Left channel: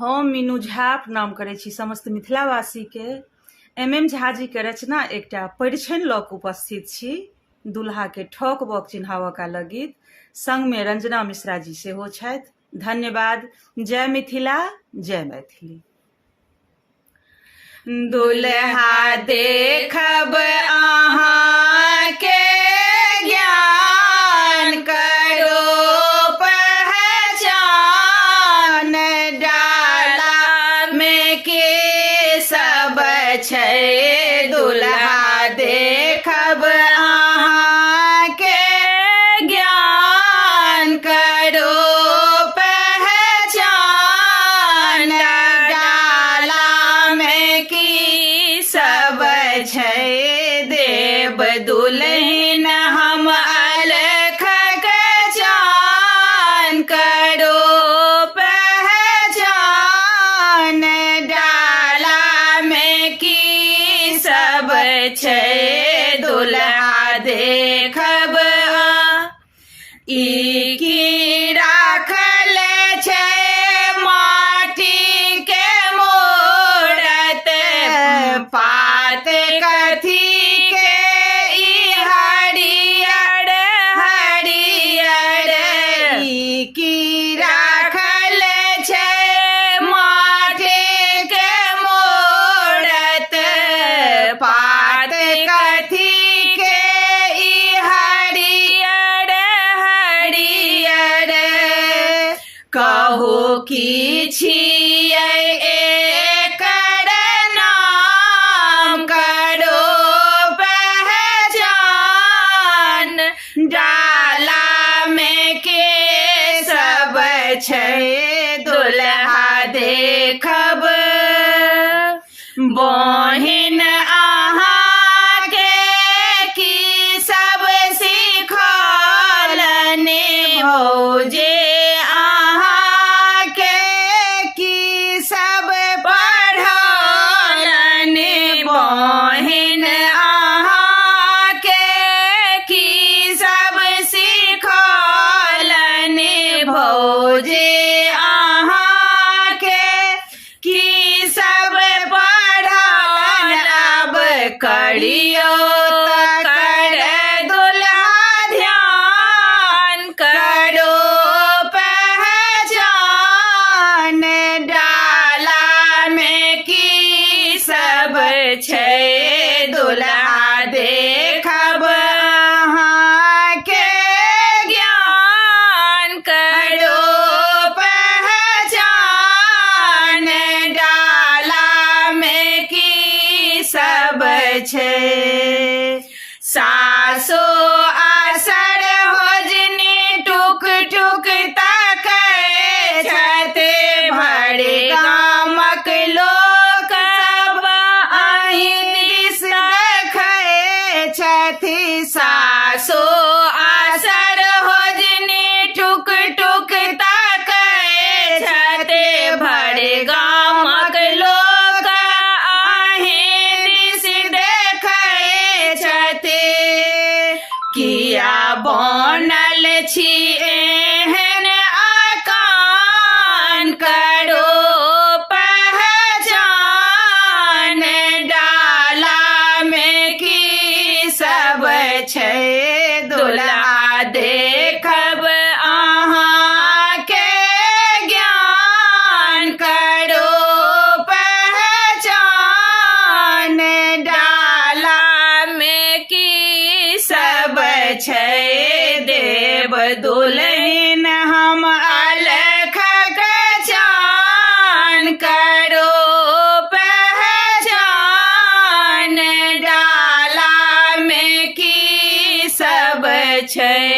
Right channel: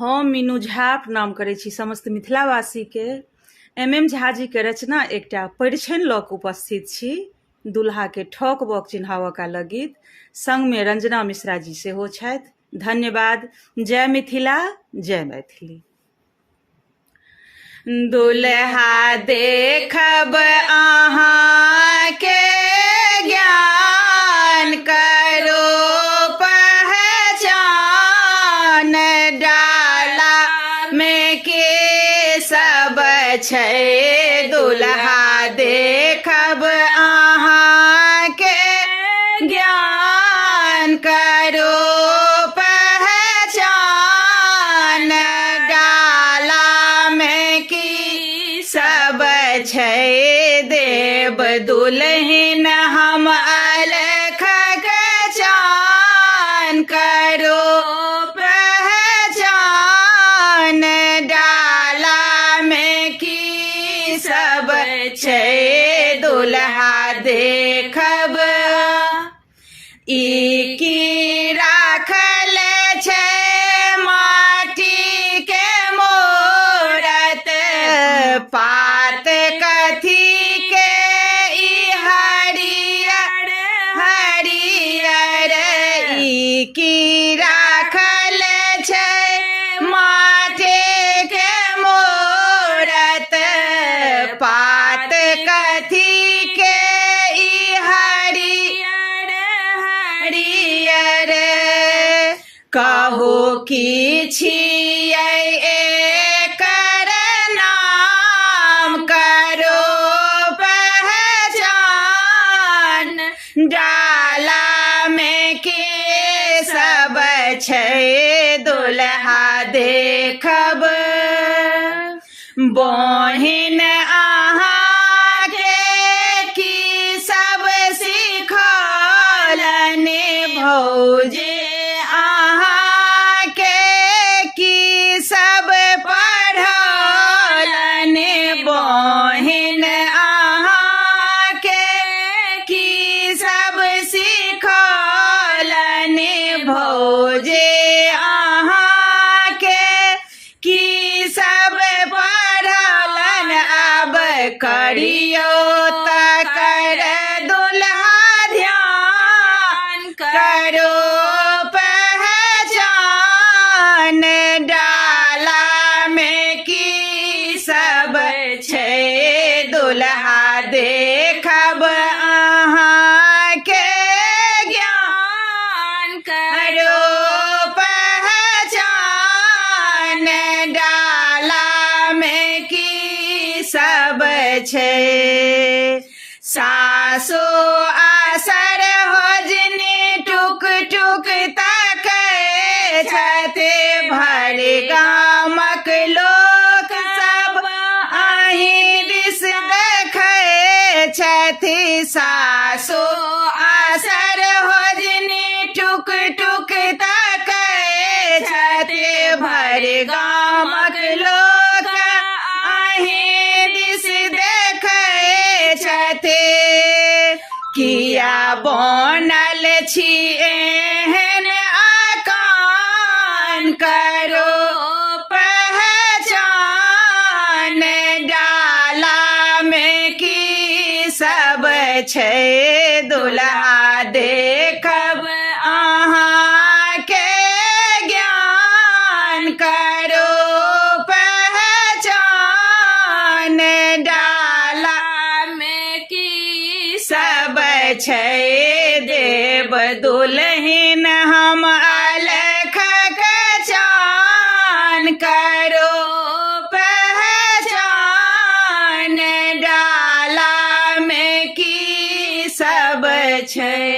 हम मीनू झा प्रणाम करै छी समस्त मिथिलावासी के। एम झा जी के रचना एकटा परिछनि लऽ कऽ उपस्थित छी। दुल्हा के ठोक बक चिन्हावऽ का गीत, संग में रंजना मिश्रा जी सेहो छथि। धन्यवाद। जय मिथिला, जय मैथिली। दुल्हा देखब अहाँ के ज्ञान करो पहचान, डाला में के सब छै दुल्हा देखब अहाँ के ज्ञान करो पहचान, डाला में की सब छै देव दुल्हन हम अलख चान, करो पहचान, डाला में की सब छै दुल्हा देखब। ई की राखल छै माटी के मूरत, पात कथी के ई हरियर हरियर, ई की राखल छै माटी के मूरत, पात कथी के ई हरियर हरियर, कहो की छियै एकर नाम, करो पहचान, डाला में के सब छै दुल्हा देखब। बहिन अहाँ के की सब सिखौलनि, भौजे अहाँ के की सब पढ़ौलनि, बहिन अहाँ के की सब सिखौलनि, भौजे अहाँ के की सब पढ़ौलनि। अब करियो तकर दुल्हा ध्यान, करो पहचान, डाला में की सब छै दुल्हा देखब अहाँ के ज्ञान, करो पहचान, डाला में की सब छै। सासो आसर होजनी टुक टुक ताकै छथि, भरि गामक लोक सब अहीं दिस देखै छथि। सासो आसर होजनी टुक टुक ताकै छथि, भरि गामक लोक अहीं दिस देखै छथि। किया बनल छी एहन आकान, करो पहचान, डाला में की सब छै दुल्हा देखब अहाँ के ज्ञान, करो पहचान, डाला में की सब छै देव दुल्हन हम अलख चान, करो पहचान, डाला में की सब छै।